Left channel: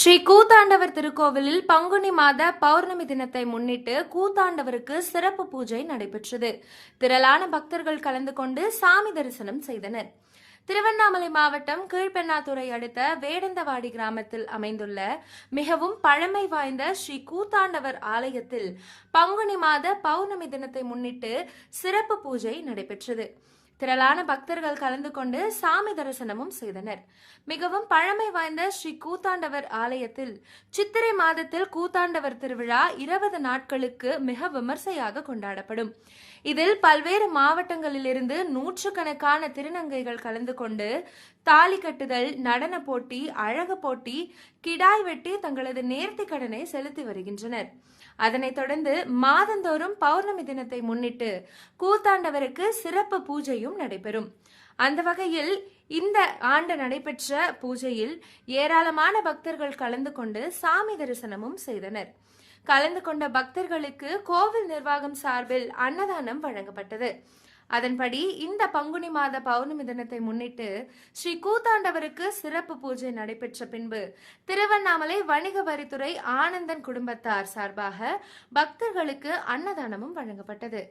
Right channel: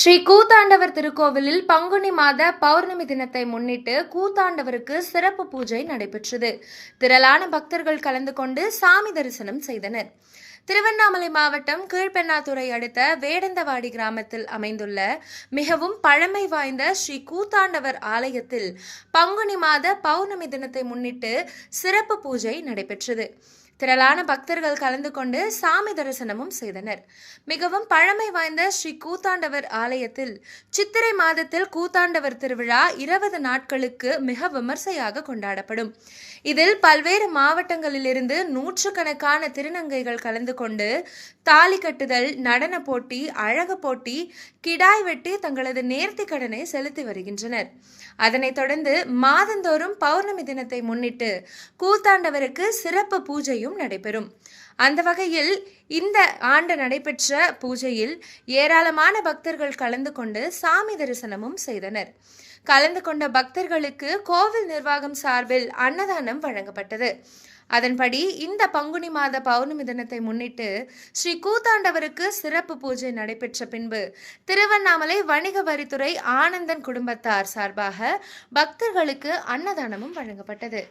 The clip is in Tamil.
ஸ்ரீ கூத்தாண்டவர் திருக்கோவிலில் பங்குனி மாத பௌர்ணமி தினத்தை முன்னிட்டு கூத்தாண்டவருக்கு சிறப்பு பூஜை நடைபெற்றது. திரளான பக்தர்கள் கலந்து கொண்டு சாமி தரிசனம் செய்தனர். திருவண்ணாமலை மாவட்டம் கீழ்பெண்ணாத்துறை அடுத்த வேடந்தவாடி கிராமத்தில் அமைந்துள்ள மிகவும் பழமை வாய்ந்த ஸ்ரீ கூத்தாண்டவர் ஆலயத்தில் பங்குனி மாத பௌர்ணமி தினத்தை முன்னிட்டு சிறப்பு பூஜை நடைபெற்றது. திரளான பக்தர்கள் கலந்து கொண்டு சாமி தரிசனமும் செய்தனர். மிகவும் பழமை வாய்ந்த ஸ்ரீ கூத்தாண்டவர் ஆலயத்தில் சித்திரை மாதத்தில் கூத்தாண்டவர் திருவிழா இருபது நாட்களுக்கு மிக விமர்சையாக கொண்டாடப்படும். இதில் பல்வேறு மாவட்டங்களிலிருந்து நூற்றுக்கணக்கான திருநங்கைகள் கலந்து கொண்டு தாலி கட்டுதல் நடன போட்டி அழகு போட்டி கிடாய் வெட்டி தங்களது நேர்த்தி கடனை செலுத்தி வருகின்றனர். அதனைத் தொடர்ந்து மாதந்தோறும் பௌர்ணமி தினத்தை முன்னிட்டு கூத்தாண்டவருக்கு சிறப்பு பூஜையும் நடைபெறும். அந்த வகையில் இந்த ஆண்டு நடைபெற்ற பூஜையில் ஏராளமான பக்தர்கள் கலந்து கொண்டு சாமி தரிசனமும் செய்தனர். கலந்து கொண்ட பக்தர்களுக்கு கோவில் நிர்வாகம் சார்பில் அன்னதானம் வழங்கப்பட்டது. அதன்படி இந்த பங்குனி மாத பௌர்ணமி தினத்தை முன்னிட்டு ஸ்ரீ கூத்தாண்டவருக்கு சிறப்பு பூஜை நடைபெற்ற பின்பு திருவண்ணாமலை வணிக வரித்துறை ஆனந்தன் குடும்பத்தார் சார்பாக பக்தர்களுக்கு அன்னதானமும் வழங்கப்பட்டது.